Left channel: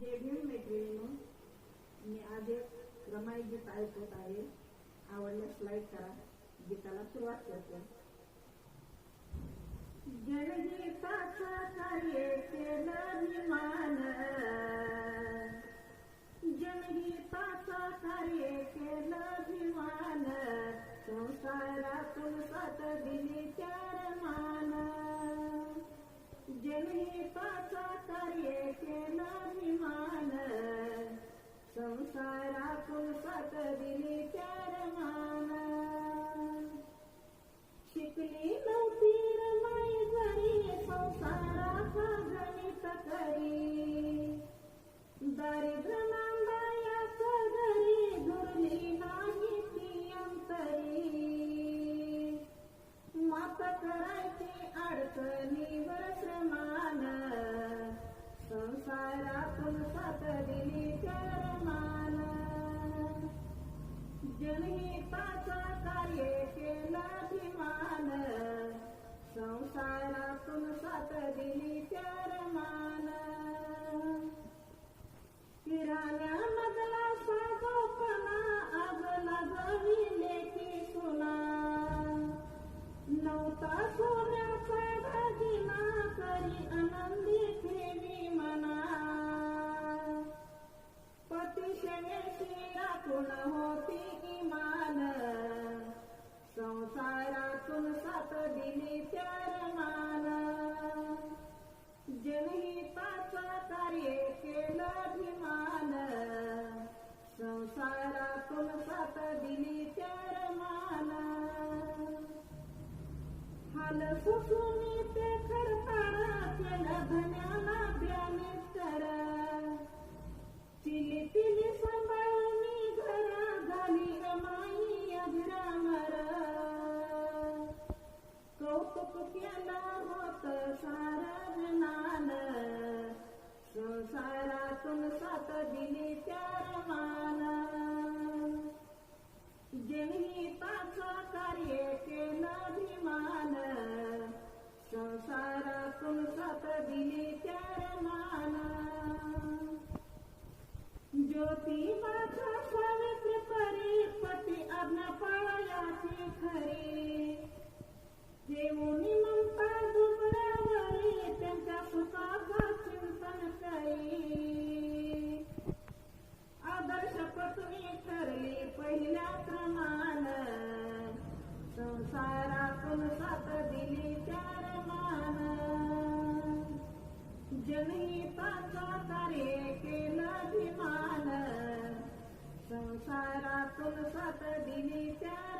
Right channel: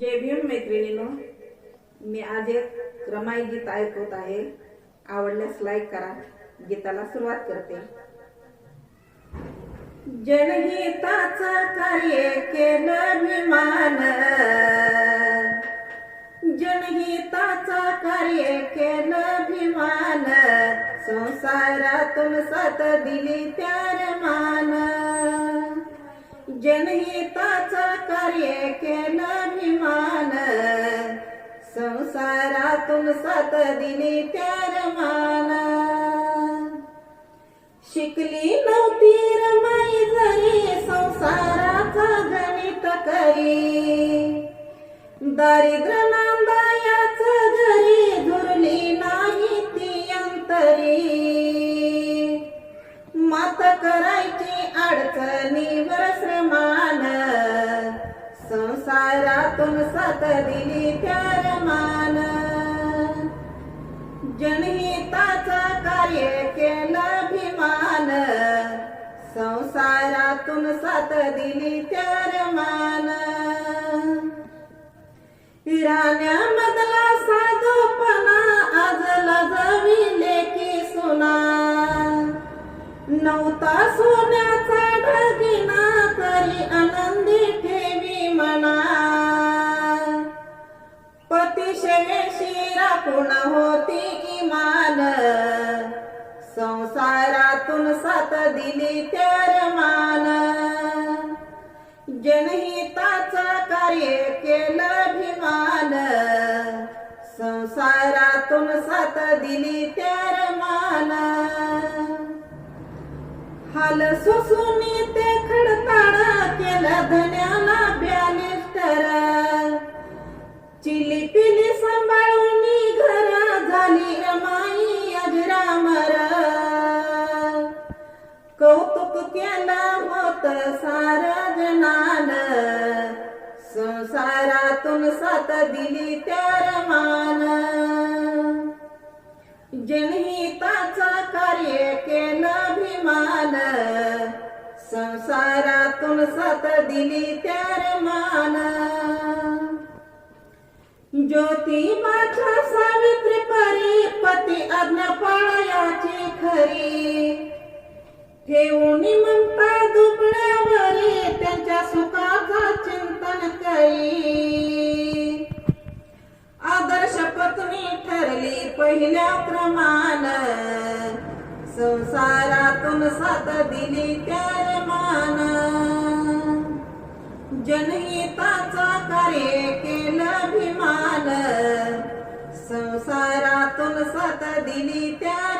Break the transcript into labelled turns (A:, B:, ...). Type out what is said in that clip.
A: जय भीम मैत्रिणीनो मी आज एक रमाई गीत ऐकवत आहे. आवडल्यास लाईक करा. गीताला सुरुवात करते. जनहिताचं कार्य केलं विमान. जनहिताचं कार्य केलं विमान. संसारातून सात दिली त्यार मान. जनहिताचं कार्य केलं संसारातून सात दिने त्यार मान शिकली नव्हती रमाई जरी संसाराचा गणित करी. दारिद्र नांदायाच घरी धुरली नाही ती अंतरी. मात करायची अडचणीवर श्रमा संसारातून साथ दिली त्यार मान जनहिताचा कार्य केलं भिमान संसारातून साथ दिली त्यार मान राण्यामधला साधोपणा आज लजविले की सुना. नव्हता सोन्याचा होती होती मान संसारातून सात दिली त्यार मान. जनहिताचं कार्य केलं अभिमान. संसारातून सात दिली त्यार मान. हाल सुसुनी ते खडताडा केलं धन्याला बॅलिस्टर चिली कौतुक केलं होत सार जनान. संसारातून सात दिली त्यार मान. जनहिताच कार्य केलं भिमान संसारातून सात दिली त्यार मान. ज्योतिबाच्या सावित्री परी पती आज्ञा पाळायाची खरी. ठेवणी म्हणता दुबळ्यावरी त्यांच्या सुखाचा चिंतन करी. आदर्श पत्नी ठरली पहिल्या क्रमान. संसारातून साथ दिली त्या मान. जनहिताचा कार्य केलं अभिमान. संसारातून साथ दिली त्या